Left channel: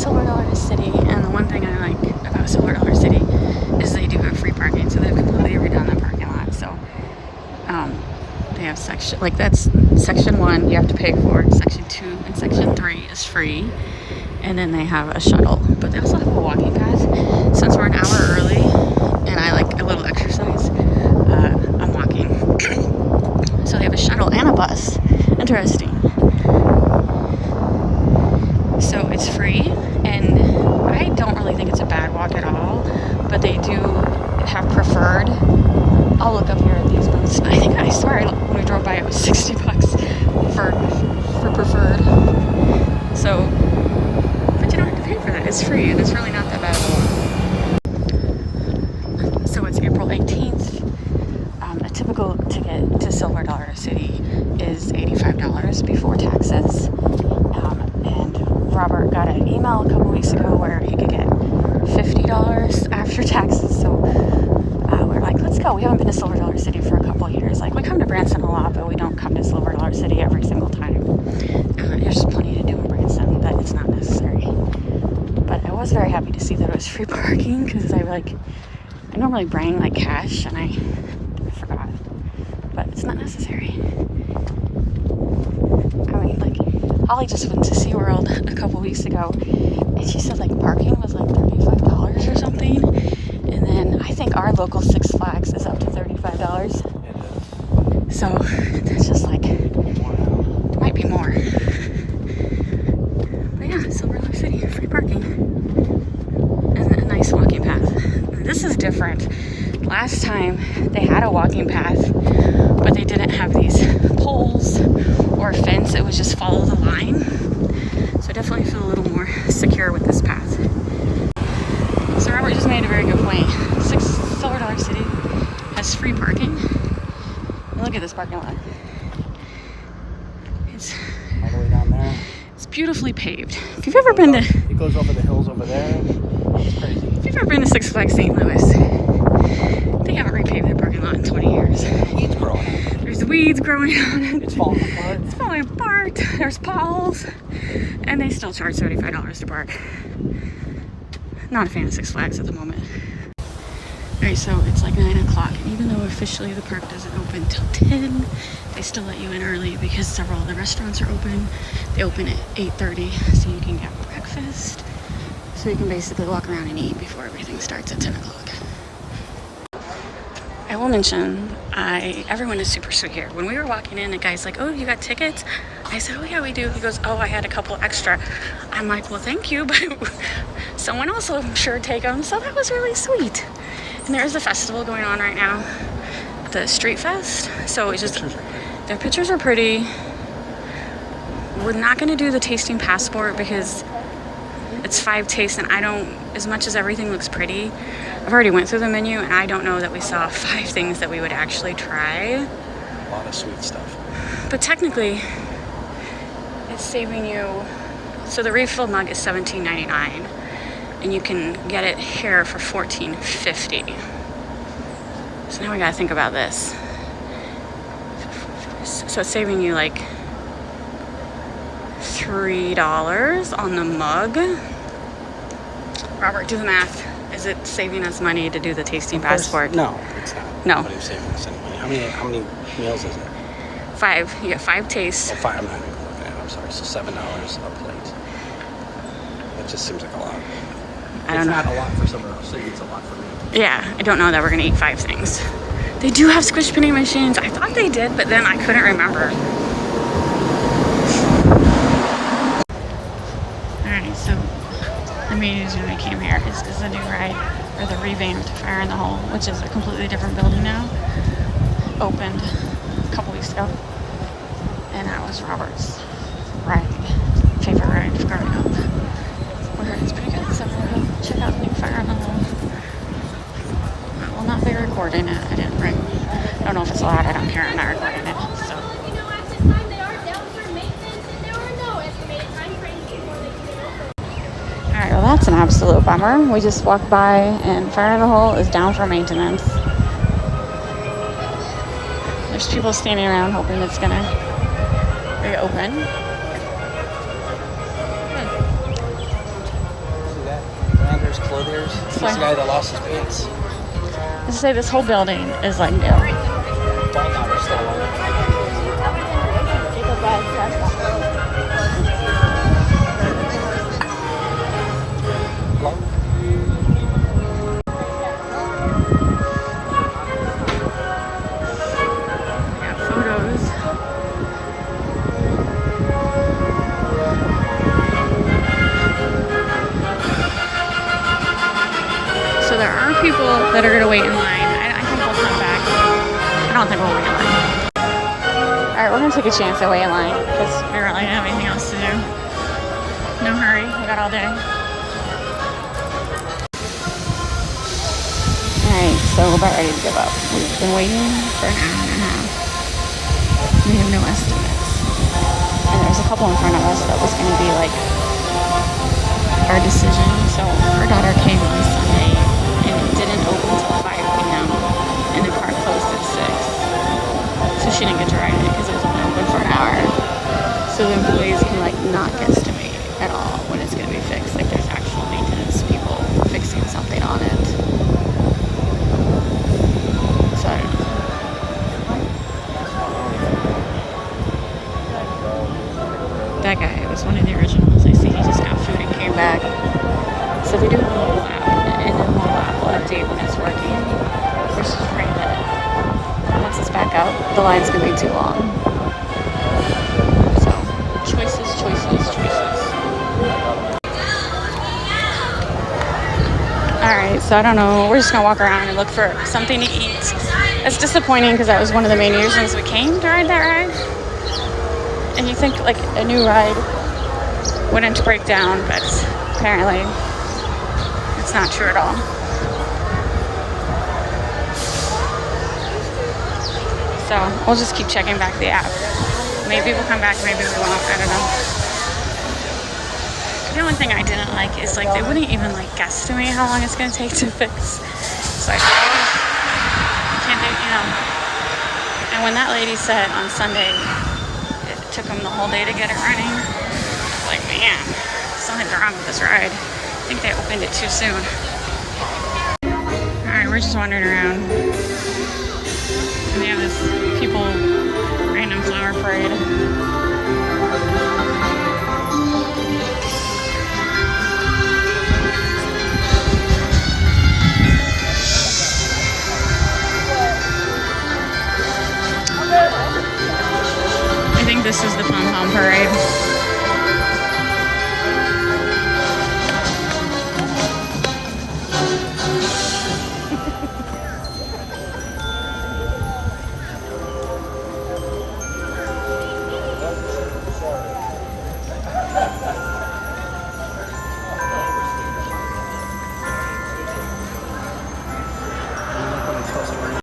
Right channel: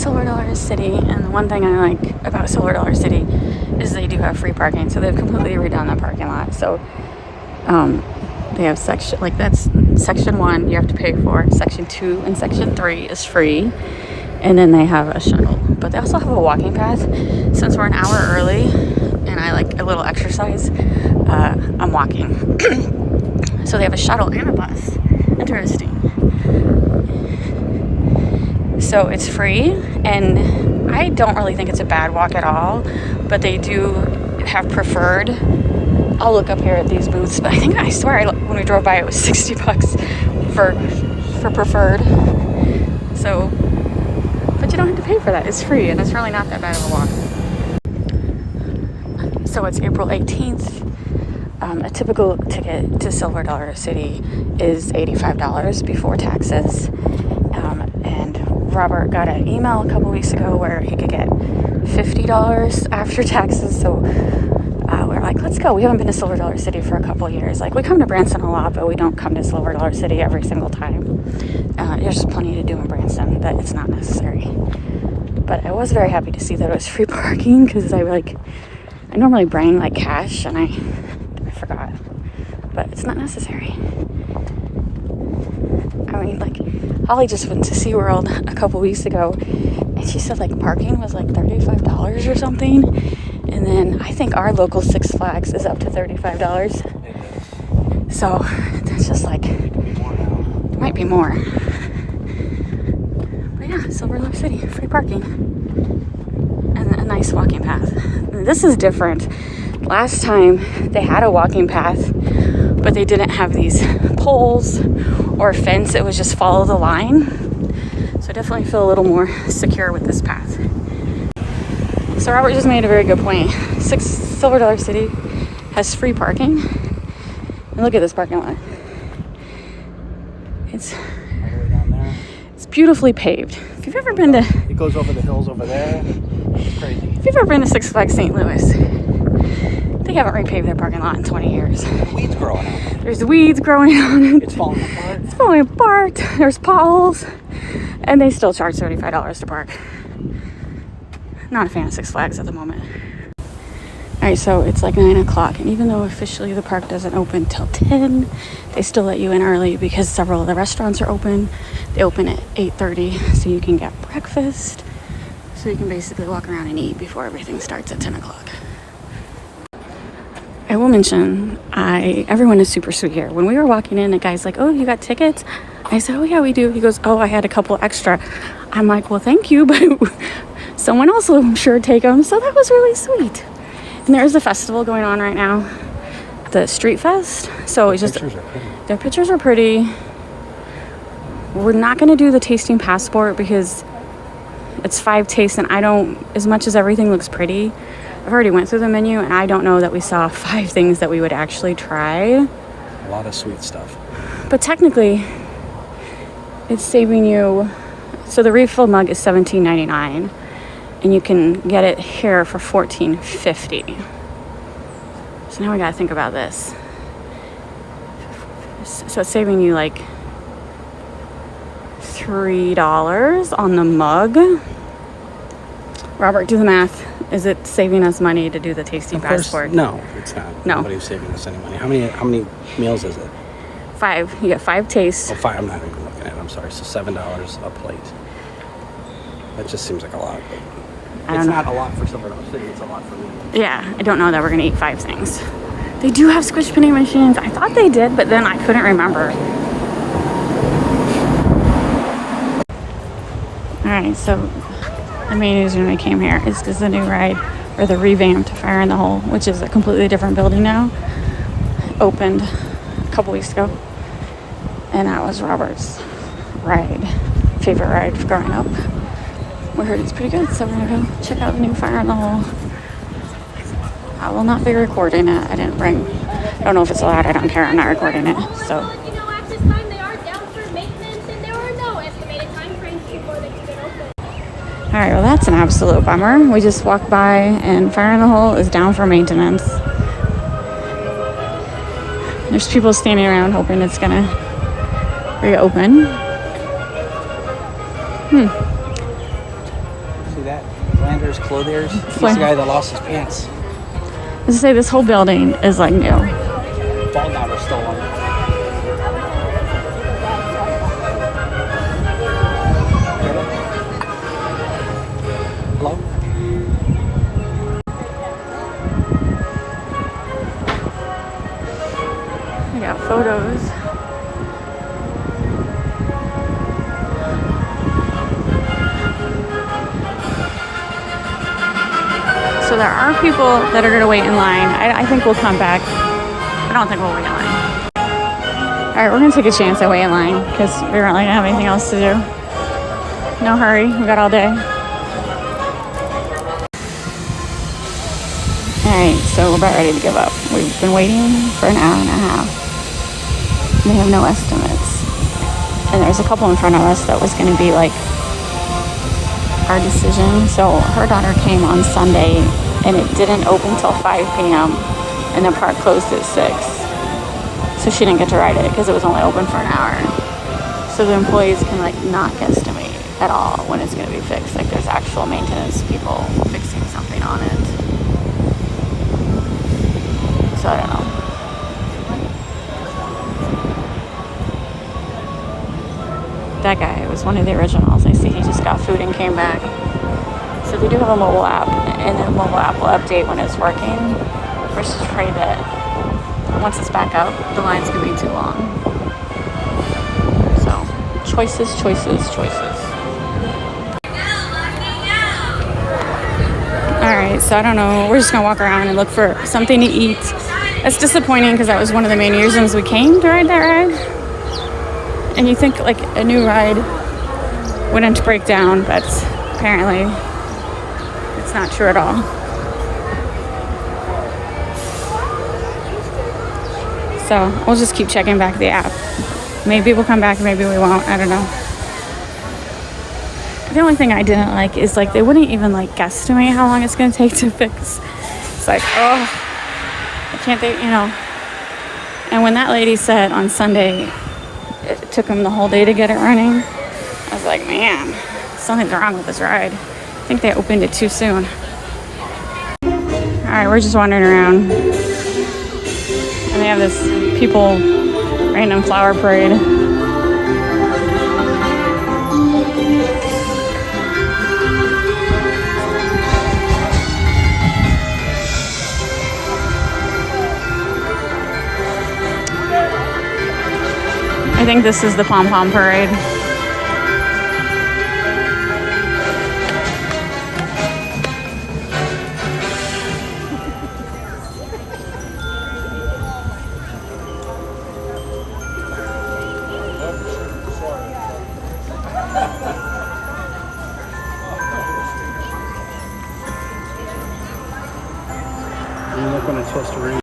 Silver Dollar City, and the one thing I like about Silver Dollar City is they do have free parking, so they've completely redone the parking lot. So they have section, like that's section 1 you have to pay for, section 2 and section 3 is free, and then they have a shuttle, but they also have a walking path. Since we're an hour early and I like a little exercise, I'm walking. So they have a shuttle and a bus. Interesting. So it's free, and I don't really think it's a bad walk at all, but they do have preferred. I'll look up here at these booths, but I swear when we drove by it was $60 for preferred. So, but you don't have to pay for that. It's free, and it's really not that bad of a walk. So it's April 18th. A typical ticket to Silver Dollar City is $85 before taxes. And Robert got an email a couple weeks ago where he could get $50 after taxes. So we're like, let's go. We haven't been to Silver Dollar City for a couple of years. Like, we come to Branson a lot, but we don't come to Silver Dollar City every single time. There's plenty to do in Branson, but it's not necessary. But I was very happy to see that it was free parking, because I normally bring like cash, and I forgot. But it's not necessary. I mean, like, Holly just went to SeaWorld a couple weeks ago, and she said like parking was like $35 or something. And then I think our local Six Flags is up to $35. So that's just like, it might be more. But yeah, Silver Dollar City, free parking. And a nice walking path. And this is different. Last time they had a walking path, but they didn't have these poles or a fence. It was just follow the line. So I definitely feel a little more secure with this path. So Robert just made a very good point. Silver Dollar City has free parking. And look at this parking lot. It's beautifully paved. If you've ever been to... It goes over the hills over there. It's crazy. If you've ever been to Six Flags St. Louis, they haven't repaved their parking lot in 20 years. Weeds growing. There's weeds growing on it. It's falling apart. It's falling apart. There's potholes. And they still charge $35 to park. Not a fan of Six Flags at the moment. Alright, so it's like 9 o'clock. And even though officially the park doesn't open till 10, they still let you in early because several of the restaurants are open. They open at 8:30, so you can get breakfast. So you can basically walk around and eat before everything starts at 10 o'clock. I will mention, everyone is super sweet here. When we were walking in, the guy's like, oh, you got tickets? I said, oh yeah, we do. He goes, oh, I had a couple extra. I'm like, well, thank you, but someone else will sure take them. So that was really sweet. And there's a festival going on right now, the Street Fest. So it's just, their pictures are pretty. We're not going to do the tasting passport because it's 5 tastes, and I don't, as much as everything looks pretty, I've already went through the menu, and I don't know that we saw 5 things that we would actually try. A lot of sweet stuff. But technically, it's saving you, so the refill mug is $17.99, and you can get it here for $14.50. So now we gotta think about this. So it's saving you like $3 on the mug. Robert, do the math. Is it saving us money to do the tasting passport? No, it's not. No. Nobody's saving us any money. How many meals is it? 5. You get 5 tastes. 5. I'm not looking at it. I'm sorry. So $7 a plate. It just seems like a lot. I don't know. It's not a lot for Silver Dollar City. It's a lot for me. Yeah, I don't know that we're gonna eat 5 things. They do have squish penny machines. I thought they did, but then I couldn't remember. Alright, so the main reason we came here is because the new ride, or the revamped Fire in the Hole, which is a completely different building now, opened a couple weeks ago. And that was Robert's favorite ride growing up. We heard it's pretty good, so we're going to check out the new Fire in the Hole. I will not be recording it. I didn't bring, I don't know if it's loud, I don't care, I'm not recording it, so. Alright, well that's an absolute bummer. We just walked by and Fire in the Hole is down for maintenance. There's people standing around hoping it's gonna reopen. This He's the way. guy that lost his pants. Let's say this whole building is like new. I got photos. So there are people that are gonna wait in line. I think we'll come back. I don't think we'll wait in line. All right, we're gonna take a chance and wait in line because we don't really have anything else to do. No hurry, we got all day. All right, so we're about ready to give up. We've been waiting for an hour and a half. We have no estimates. And there's a couple in front of us that was gonna be like our decision. So her daughter came on Sunday and it didn't open till 5 p.m. and the park closed at 6. So she didn't get to ride it because it was only open for an hour. So the employees can like not guesstimate at all when it's gonna be fixed. Like there's actual maintenance people fixing something on it. So I don't know. That guy was one of the originals. I see he just got food and came back. So they do have a mobile app, and the mobile app will update when it's working, which is pretty good. Once it's back up, the line's gonna be too long. So, choices. Alright, so I don't know. We're just gonna walk around and look for something to eat. It's disappointing because that was one of the main reasons we came to ride that ride. And you think like a new ride wouldn't break down, but apparently it's not true at all. So we'll just keep checking back the app. Maybe we'll come back, maybe we won't, I don't know. The only thing I didn't like is like they wouldn't even like guesstimate how long it's gonna take to fix. It's like, oh, I can't, you know. And when that lady said on Sunday, it took them the whole day to get it running. I was like, man, something's wrong with this ride. I think they opened it too soon. All right, we're just wandering around. And they have this people random flower parade. I think this is the pom-pom parade. I'm not going to twist around.